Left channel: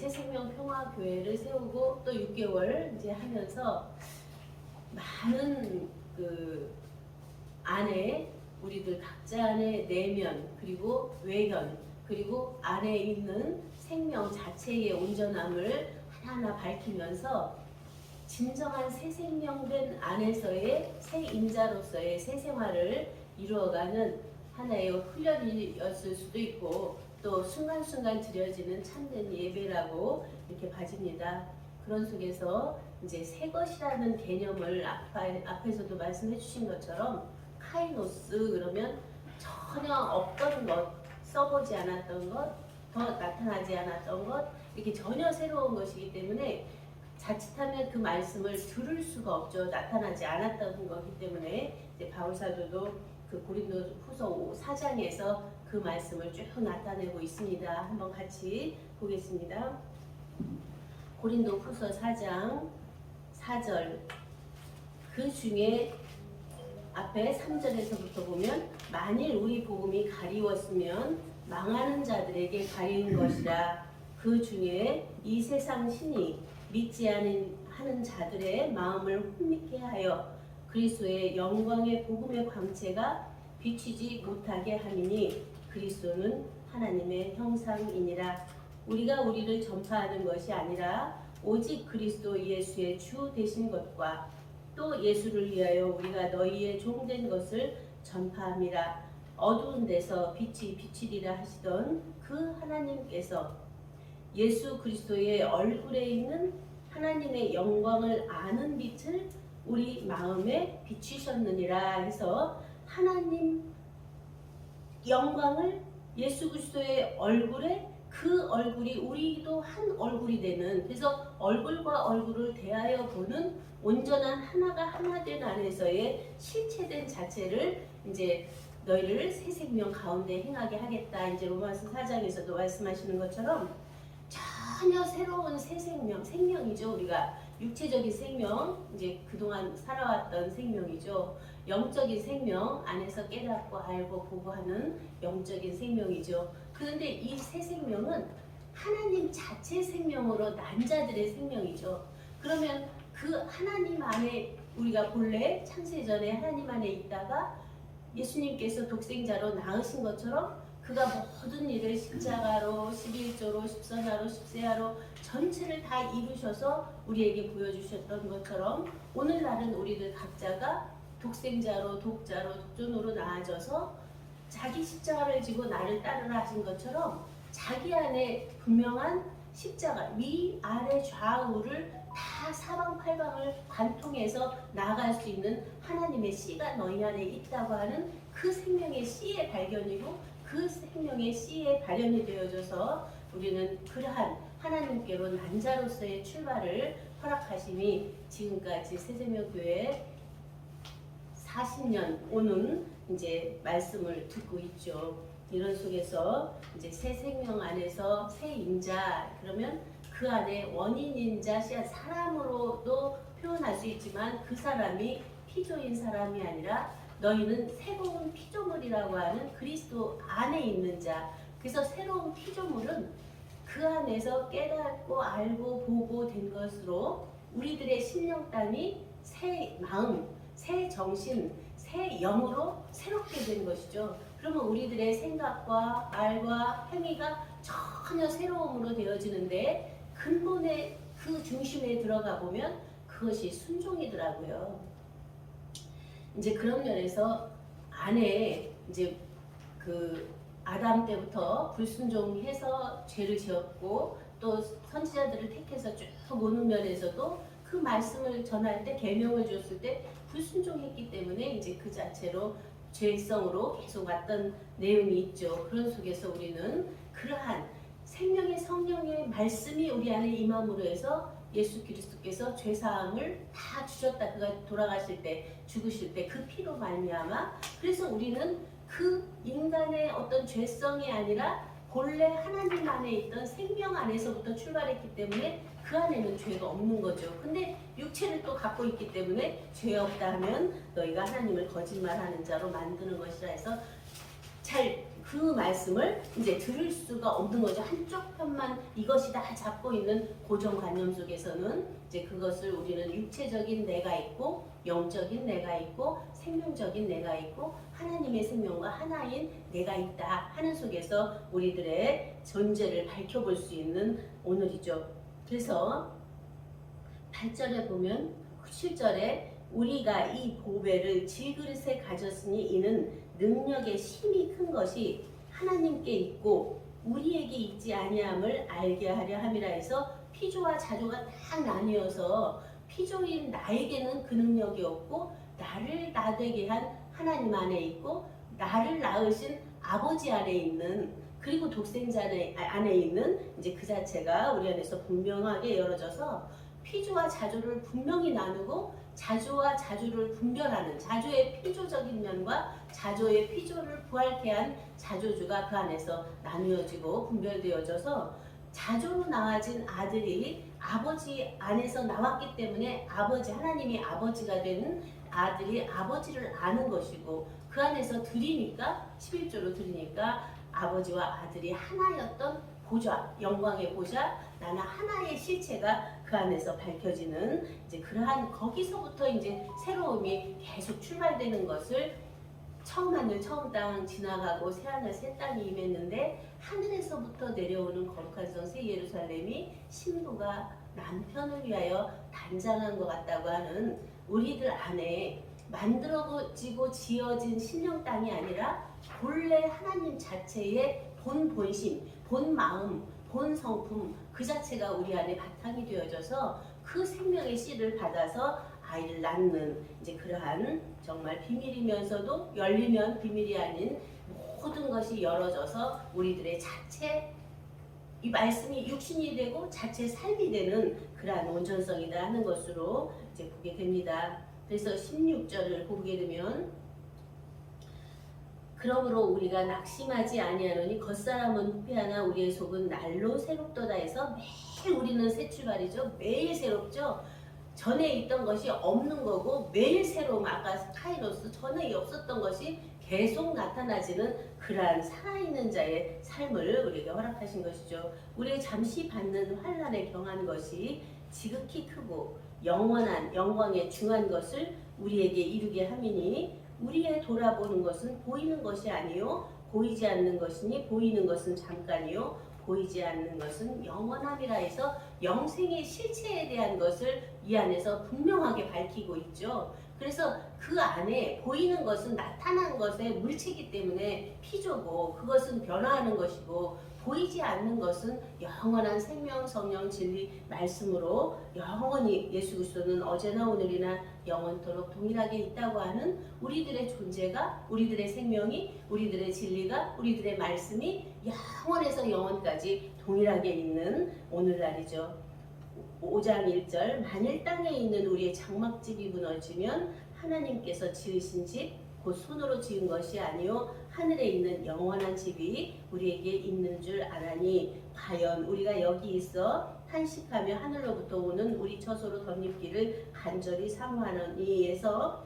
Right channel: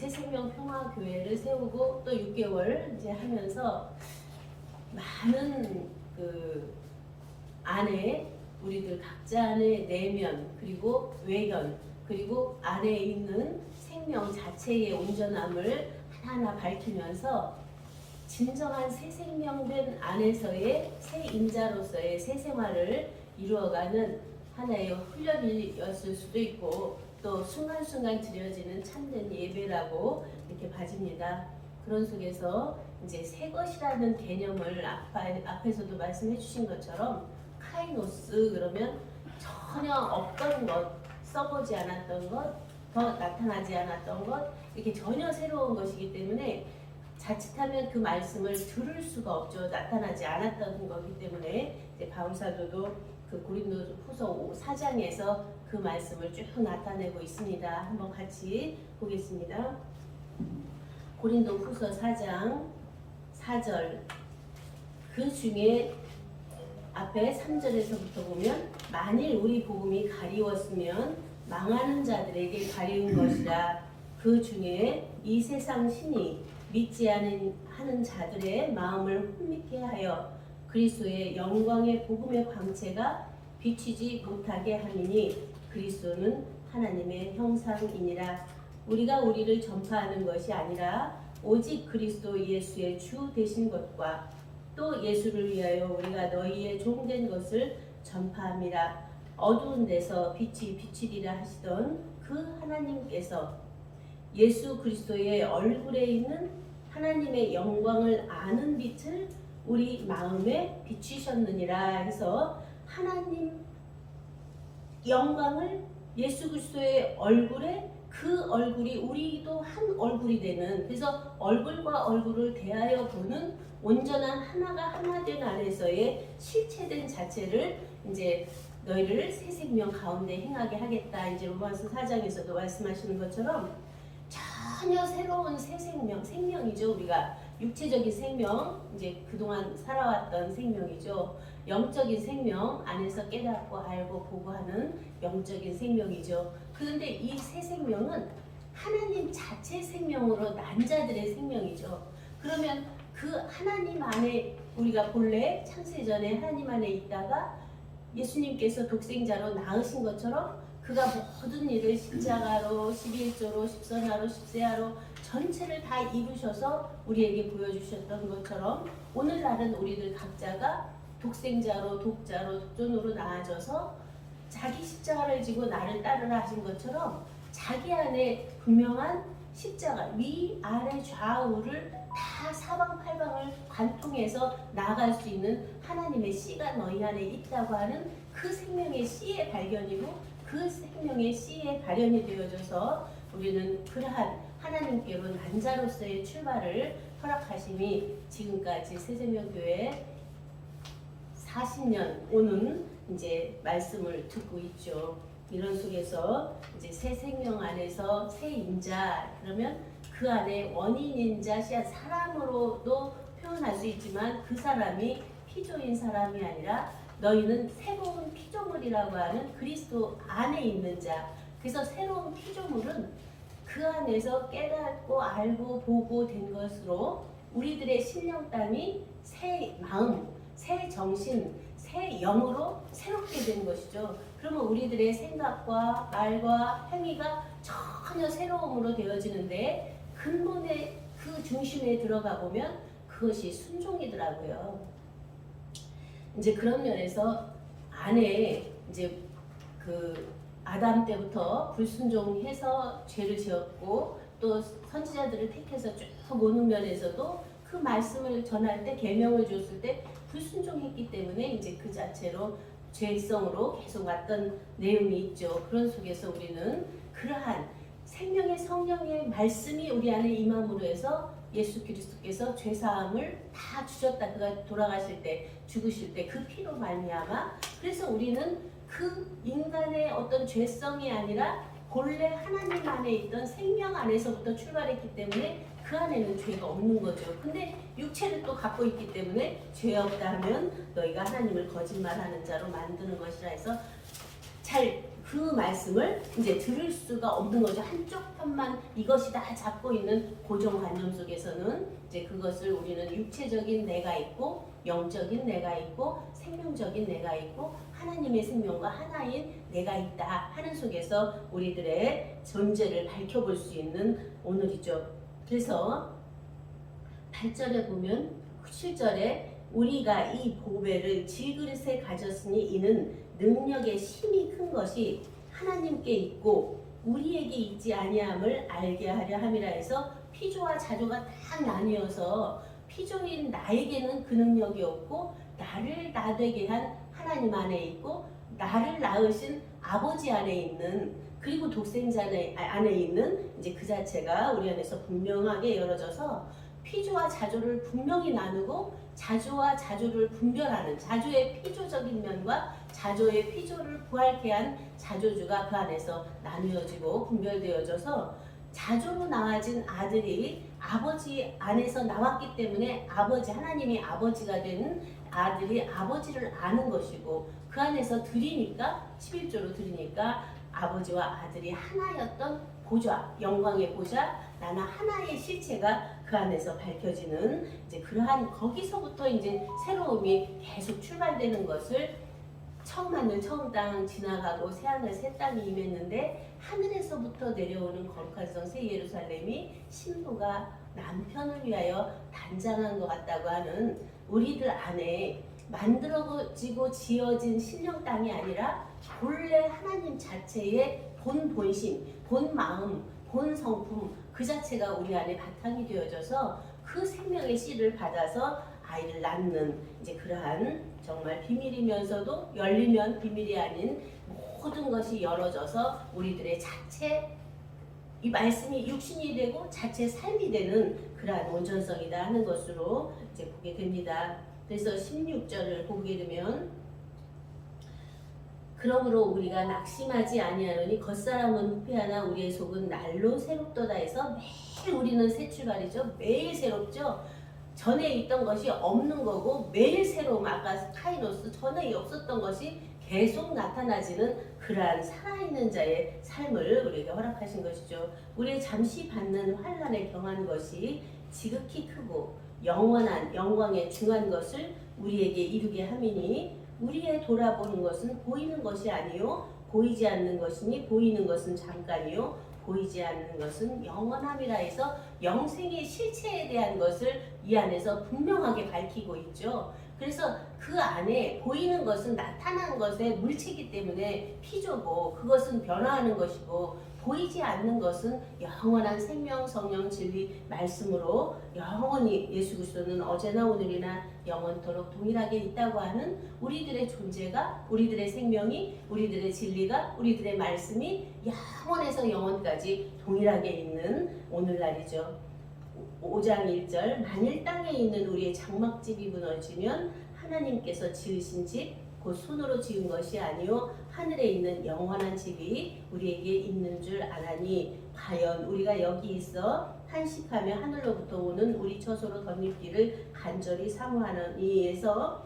새생명평화교회를 세우고 또 6개월 이제 하면서 많은 그 안에 우리들 각자 안에 내면 그리고 외견 그리고 안에 있는 생명 자체의 온전함을 하나하나 밝히면서 진정한 새 생명된 안에서의 새 인자로서의 새 생활을 이루어가는 하나의 훈련이었을 수도 있고 또 순간순간 드려지는 참된 예배라고 이렇게 봐집니다. 그런 속에서 이제 새 것이라는 개념을 앞에서도 말씀해 주신 것처럼 카이노스 그러면 전혀 없던 것, 써보지 않았던 것, 더 나타나지 않았던 것 이렇게 전혀 새로운 것이기 때문에 자칫하면 그 말씀을 들을 수가 없죠. 나타나지 않았던 거기 때문에 이제 바울사도도 그 고린도후서 4장에서 그 말씀을 쭉 나타내고 있습니다. 한번 같이 보겠습니다. 고린도후서 4장 4절 그 중에 앞에 3절에서부터 보면 만일 우리 복음이 가리웠으면 망하는 자들에게 가리운 것이라 그 중에 이 세상 신이 믿지 하는 자들의 마음을 혼미케 하여 그리스도의 영광의 복음의 광채가 비치지 못하게 함이니 그리스도는 하나님의 형상이니라. 우리가 우리를 전파하는 것이 아니라 오직 그리스도 예수의 주 되신 것과 또 예수를 위하여 우리가 너희의 종된 것을 전파함이라. 어두운 데서 빛이 비치리라 하시던 그 하나님께서 예수 그리스도의 얼굴에 있는 하나님의 영광을 아는 빛을 우리 마음에 비추셨느니라 해서 하나님 영광을 예수 그리스도의 얼굴에 그 얼굴이 우리도 한 얼굴이 되는 그래서 얼굴과 얼굴을 대하여 보는 온전한 하나가 하나 된 안에서의 실체된 자체를 이제 너희를 새 생명 가운데 행하게 하겠다. 이제 로마서 4장에서도 말씀하시는 것처럼 전혀 새로운 새 생명, 생명이죠. 우리가 육체적인 생명, 이제 그동안 살아왔던 생명이죠. 영적인 생명 안에서 깨닫고 알고 보고 하는 영적인 생명이죠. 그런데 이 새 생명은 하나님 자체 생명으로 난 자들의 생명이죠. 그러면 그 하나님 안에 우리가 본래 창세전에 하나님 안에 있다가 예수님께서 독생자로 낳으신 것처럼 그가 모든 일을 십자가로 11조로 10선하로 10세하로 전체를 다 이루셔서 우리에게 보여주셨던 것처럼 오늘날은 우리들 각자가 독생자로 독자로 독존으로 나아져서 자기 십자가를 지고 나를 따르라 하신 것처럼 자기 안에 분명한 십자가 위 아래 좌우를 다 사방팔방을 관통해서 나아갈 수 있는 하나님의 씨가 너희 안에 있다고 하는 그 생명의 씨의 발견이고 그 생명의 씨의 발현이 되어져서 우리는 그러한 하나님께로 난 자로서의 출발을 허락하심이 지금까지 새생명교회 40년 오는 이제 말씀을 듣고 있죠. 이런 속에서 이제 새 생명 안에서 새 인자 그러면 그 안에 원인인 자 사람으로도 표현할 수 있지만 그 사람이 피조인 사람이 아니라 너희는 새로운 피조물이라고 하는 그리스도 안에 있는 자. 그래서 새로운 피조물은 그 안에서 깨닫고 알고 보고 된 것으로 우리들의 심령땅이 새 마음, 새 정신, 새 영으로 새롭게 된 것이죠. 그러면 우리들의 생각과 말과 행위가 전혀 새로움으로 되어지는데 근본의 그 중심에 들어가 보면 그것이 순종이더라고요. 이제 그런 면에서 안에 이제 그 아담 때부터 불순종해서 죄를 지었고 또 선지자들을 택해서 쭉 오는 면에서도 그 말씀을 전할 때 계명을 줬을 때 불순종했기 때문에 이제 그 자체로 죄성으로 계속 왔던 내용이 있죠. 그런 속에서 우리는 그러한 생명의 성령의 말씀이 우리 안에 임함으로 해서 예수 그리스도께서 죄사함을 다 주셨다. 그가 돌아가실 때 죽으실 때 그 피로 말미암아 그래서 우리는 그 인간의 어떤 죄성이 아니라 본래 하나님 안에 있던 생명 안에서부터 출발했기 때문에 그 안에는 죄가 없는 거죠. 근데 육체를 또 갖고 있기 때문에 죄 없다 하면 너희가 하나님을 거짓말하는 자로 만드는 것이라 해서 잘 그 말씀을 이제 들을 수가 없는 거죠. 한쪽 편만 이것이 다 잡고 있는 고정관념 속에서는 이제 그것을 우리는 육체적인 내가 있고 영적인 내가 있고 생명적인 내가 있고 하나님의 생명과 하나인 내가 있다 하는 속에서 우리들의 존재를 밝혀볼 수 있는 오늘이죠. 그래서 8절에 보면 7절에 우리가 이 보배를 질그릇에 가졌으니 이는 능력의 힘이 큰 것이 하나님께 있고 우리에게 있지 아니함을 알게 하려 함이라 해서 피조와 자조가 딱 나뉘어서 피조인 나에게는 그 능력이 없고 나를 나되게 한 하나님 안에 있고 나를 낳으신 아버지 안에 있는 그리고 독생자 안에 있는 이제 그 자체가 우리 안에서 분명하게 열어져서 피조와 자조를 분명히 나누고 자조와 자조를 분별하는 자조의 피조적인 면과 자조의 피조를 부활케 한 자조주가 그 안에서 나누어지고 분별되어져서 자조로 나아진 아들이 아버지 안에서 나왔기 때문에 아버지 하나님이 아버지가 되는 아들이 아버지를 아는 것이고 그 안에서 드리니까 11조로 드리니까 아버지와 아들이 하나였던 보좌 영광의 보좌 나나 하나의 실체가 그 안에서 밝혀지는 이제 그러한 거기서부터 이제 새로움이 계속 출발되는 것을 처음 하늘 처음 땅 지나가고 새하늘 새 땅이 임했는데 하늘에서부터 내려오는 거룩한 성 새 예루살렘이 신부가 남편을 위하여 단장한 것 같다고 하는 우리들 안에 만들어지고 지어진 신령 땅이 아니라 본래 하나님 자체의 본심, 본 마음, 본 성품 그 자체가 우리 안에 바탕이 되어져서 그 생명의 씨를 받아서 아이를 낳는 이제 그러한 정말 비밀이면서도 열리면 비밀이 아닌 모든 것이 열어져서 우리들의 자체 이 말씀이 육신이 되고 자체 삶이 되는 그러한 온전성이다 하는 것으로 이제 보게 됩니다. 그래서 16절을 보게 되면 그러므로 우리가 낙심하지 아니하노니 겉사람은 후패하나 우리의 속은 날로 새롭도다 해서 매일 우리는 새 출발이죠. 매일 새롭죠. 전에 있던 것이 없는 거고 매일 새로움 아까 카이노스 전에 없었던 것이 계속 나타나지는 그러한 살아있는 자의 삶을 우리에게 허락하신 것이죠. 우리의 잠시 받는 환난에 경한 것이 지극히 크고 영원한 영광에 중한 것을 우리에게 이루게 함이니 우리의 돌아보는 것은 보이는 것이 아니요 보이지 않는 것이니 보이는 것은 잠깐이요 보이지 않는 것은 영원함이라 해서 영생의 실체에 대한 것을 이 안에서 분명하게 밝히고 있죠. 그래서 그 안에 보이는 것은 나타난 것의 물체이기 때문에 피조고 그것은 변화하는 것이고 보이지 않는 것은 영원한 생명, 성령, 진리, 말씀으로 영원히 예수 그리스도는 어제나 오늘이나 영원토록 동일하게 있다고 하는 우리들의 존재가 우리들의 생명이 우리들의 진리가 우리들의 말씀이 영원에서 영원까지 동일하게 있는 오늘날이죠. 5장 1절 만일 땅에 있는 우리의 장막집이 무너지면 하나님께서 지으신 집 곧 손으로 지은 것이 아니요 하늘에 있는 영원한 집이 우리에게 있는 줄 아나니 과연 우리가 여기 있어 한식하며 하늘로부터 오는 우리 처소로 덧입기를 간절히 사모하노니 해서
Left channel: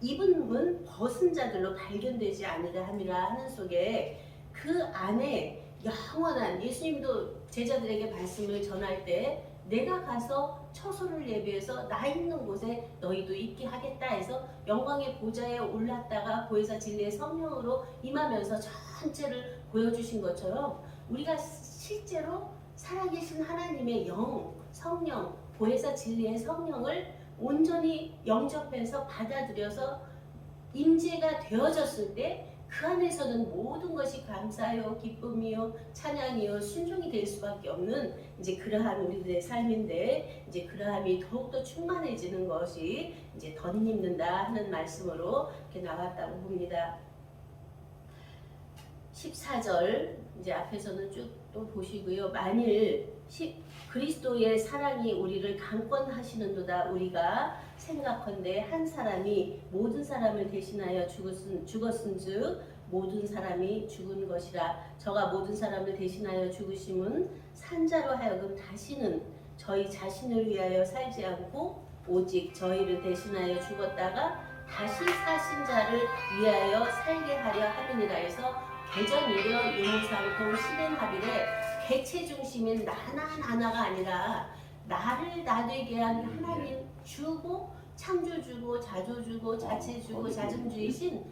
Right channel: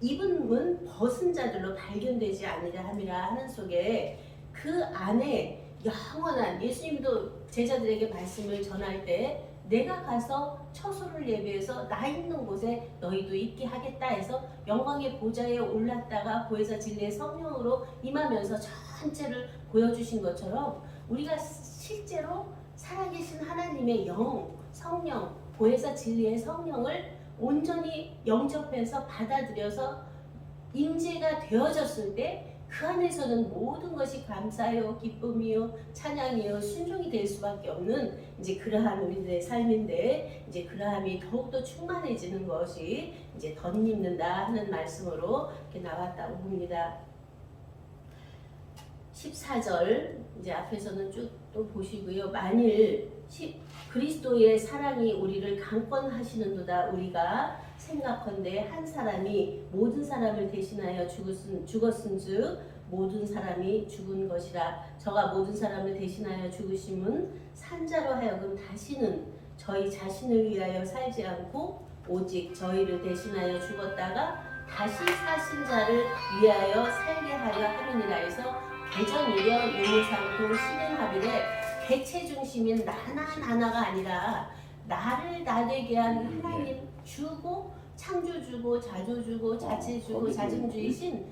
입은 벗은 자들로 발견되지 않으려 함이라 하는 속에 그 안에 영원한 예수님도 제자들에게 말씀을 전할 때 내가 가서 처소를 예비해서 나 있는 곳에 너희도 있게 하겠다 해서 영광의 보좌에 올랐다가 보혜사 진리의 성령으로 임하면서 전체를 보여주신 것처럼 우리가 실제로 살아계신 하나님의 영, 성령, 보혜사 진리의 성령을 온전히 영접해서 받아들여서 임재가 되어졌을 때 그 안에서는 모든 것이 감사요, 기쁨이요, 찬양이요, 순종이 될 수밖에 없는 이제 그러한 우리들의 삶인데 이제 그러함이 더욱더 충만해지는 것이 이제 덧입는다 하는 말씀으로 이렇게 나왔다고 봅니다. 14절 이제 앞에서는 쭉 또 보시고요. 만일 그리스도의 사랑이 우리를 강권하시는도다 우리가 생각컨대 한 사람이 모든 사람을 대신하여 죽었은즉 모든 사람이 죽은 것이라 저가 모든 사람을 대신하여 죽으심은 산자로 하여금 다시는 저희 자신을 위하여 살지 않고 오직 저희를 대신하여 죽었다가 다시 사신 자를 위하여 살게 하려 함이니라 해서 개전이려 유무상통 신인합일에 개체 중심인 나가 아니라 나를 나되게 한 하나님 주고 창조주고 자조주고 자체주고 자정주이신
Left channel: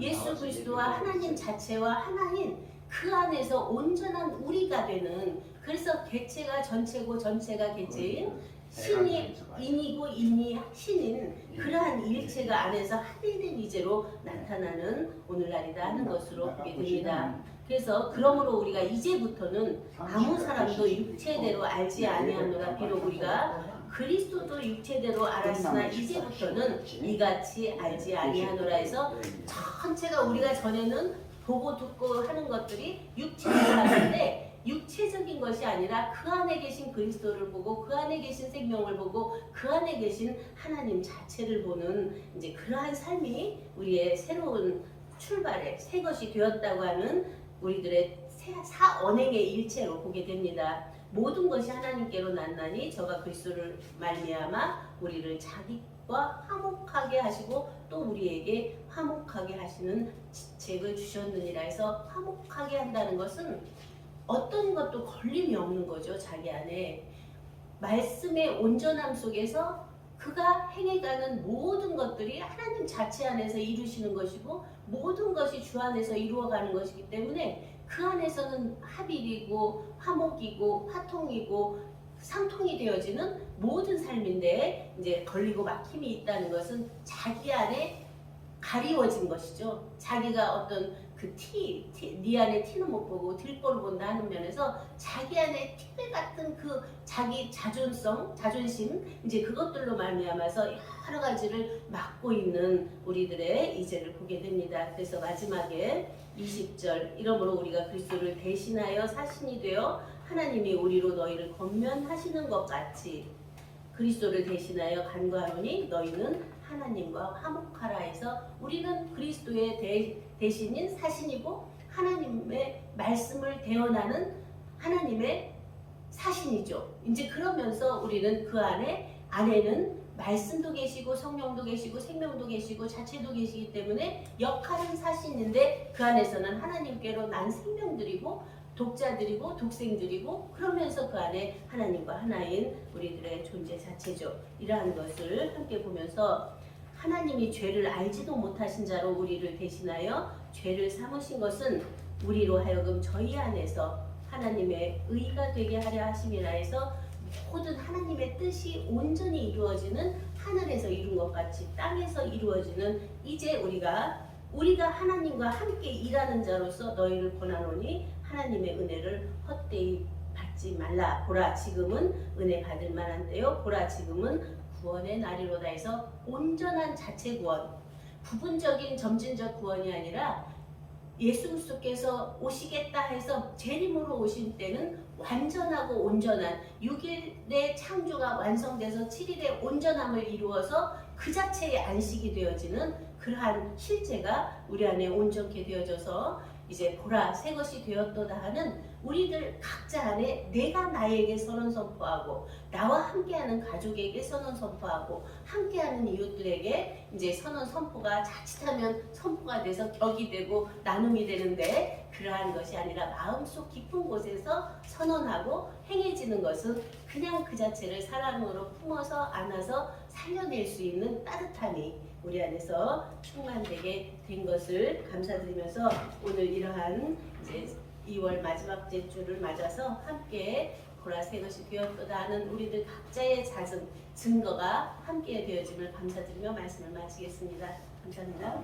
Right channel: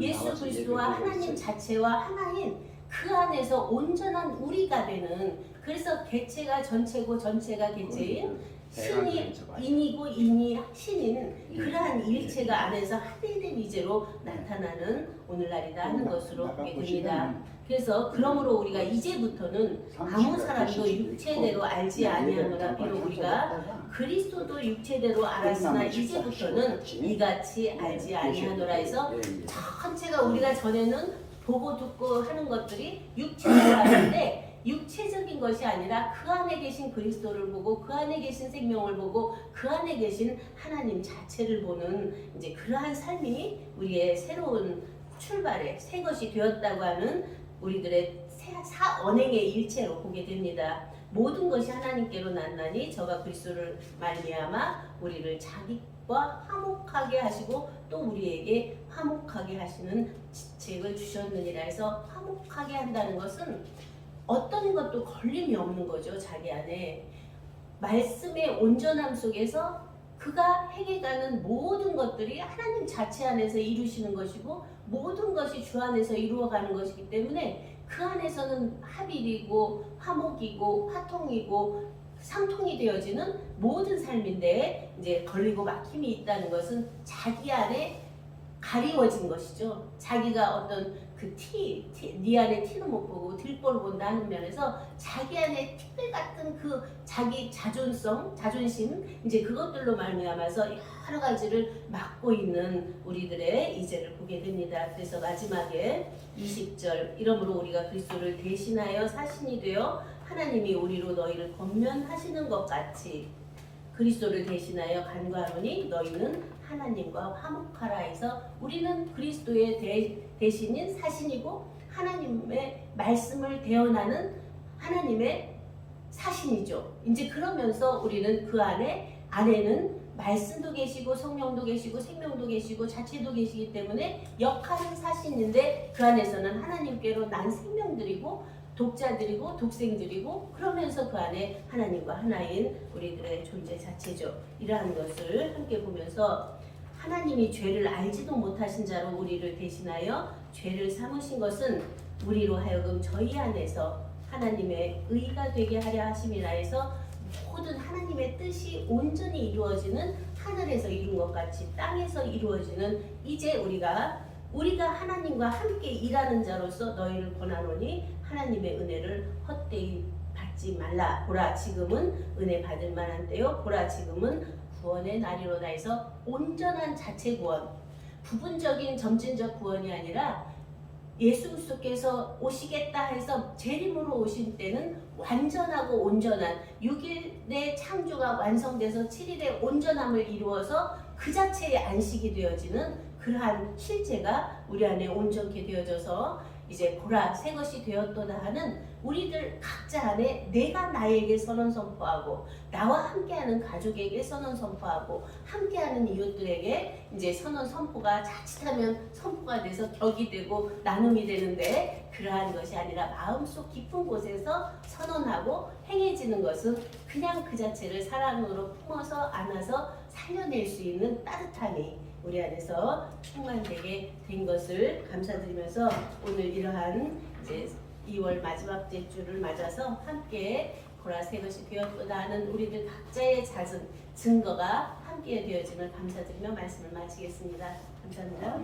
예수 그리스도와 하나님 자체와 하나인 그 안에서 온전한 우리가 되는, 그래서 개체가 전체고 전체가 개체인 신이 인이고 인이 신인 그러한 일체가 안에서 합일된 이제로 나타나는 오늘날이다 하는 것으로 보게 됩니다. 그래서 그러므로 우리가 이제부터는 아무 사람도 육체대로 알지 아니하노라. 비록 우리가 그리스도도 육체대로 알았으나 이제부터는 이같이 알지 아니하노라 해서 전체가 우리가 전에는 보고 듣고 하는 것들이 육체대로 하는데 육체적인 것이 아니라 그 안에 계신 그리스도를 보고 그 안에 계신 생명을 보고 그 안에 계신 하나님 자체를 보는 이제 그러한 삶이 우리의 새로운 출발의 새 것이 되었다고 하는 우리들의 언행의 일체로 보게 됩니다. 모든 것이 하나님께로 났나니 저가 그리스도를 말미암아 우리를 자기와 화목하게 하시고 또 우리에게 화목하게 하시는 직책을 주셨느니라 해서 화목하게 한다는 것은 어떤 것도 걸림이 없는 거죠. 자기 안에 말씀의 온전함 속에서 그가 행해가는 모든 것들이 하나님 자체 안에서 이루시는 것이고 모든 것이 주 안에서 이루어가는 것이기 때문에 그 안에서는 합일이고 화목이고 화통이고 상통이 되어지는 모든 삶인데 이제 걸리고 막힘이 있다는 것은 자기 안에 가리워진 것이죠. 자기가 어떤 네 안에 티는 못 보고 들보를 본다 하는 면에서 자기 안에 티끌 같은 그 자기 자존심 이제 그것들로 말미암아서 여러 가지를 막고 있는 우리들의 이제를 보게 됩니다. 그래서 마지막에 20절 이러므로 우리가 그리스도를 대신하여 사신이 되어 하나님이 우리로 너희를 권면하시는 것 같이 그리스도를 대신하여 간구하노니 너희는 하나님과 화목하라 해서 우리는 그리스도의 대신인 사신이고 하나님의 말씀을 대언하는 하나님의 사신이죠. 이제 그러면서 우리는 그 안에는 말씀도 계시고 성령도 계시고 생명도 계시고 자체도 계시기 때문에 역할은 사신인데 그 안에서는 하나님께로 난 생명들이고 독자들이고 독생들이고 그러면서 그 안에 하나님과 하나인 우리들의 존재 자체죠. 이러한 것을 함께 보면서 하나님이 죄를 알지도 못하신 자로 우리를 대신하여 죄를 삼으신 것은 우리로 하여금 저희 안에서 하나님의 의가 되게 하려 하심이라 해서 모든 하나님의 뜻이 온전히 이루어지는 하늘에서 이룬 것 같이 땅에서 이루어지는 이제 우리가 하나님과 함께 일하는 자로서 너희를 권하노니 하나님의 은혜를 헛되이 받지 말라. 보라 지금은 은혜 받을 만한 때요. 보라 지금은 구원의 날이로다 해서 온전한 자체 구원, 부분적인 점진적 구원이 아니라 예수 그리스도께서 오시겠다 해서 재림으로 오신 때는 완전하고 온전한 6일의 창조가 완성돼서 7일의 온전함을 이루어서 그 자체의 안식이 되어지는 그러한 실제가 우리 안에 온전케 되어져서 이제 보라 새 것이 되었도다 하는 우리들 각자 안에 내가 나에게 선언 선포하고 나와 함께하는 가족에게 선언 선포하고 함께하는 이웃들에게 이제 선언 선포가 자칫하면 선포가 돼서 격이 되고 나눔이 되는데 그러한 것이 아니라 마음속 깊은 곳에서 선언하고 행해지는 것은 그냥 그 자체를 사랑으로 품어서 안아서 살려낼 수 있는 따뜻함이 우리 안에서 충만되게 된 것을 감사드리면서 오늘 이러한 이제 2월 마지막 주를 맞아서 함께 보라 새 것이 되었도다 하는 우리들 각자의 작은 증거가 함께 되어짐을 감사드리며 말씀을 마치겠습니다. 감사합니다.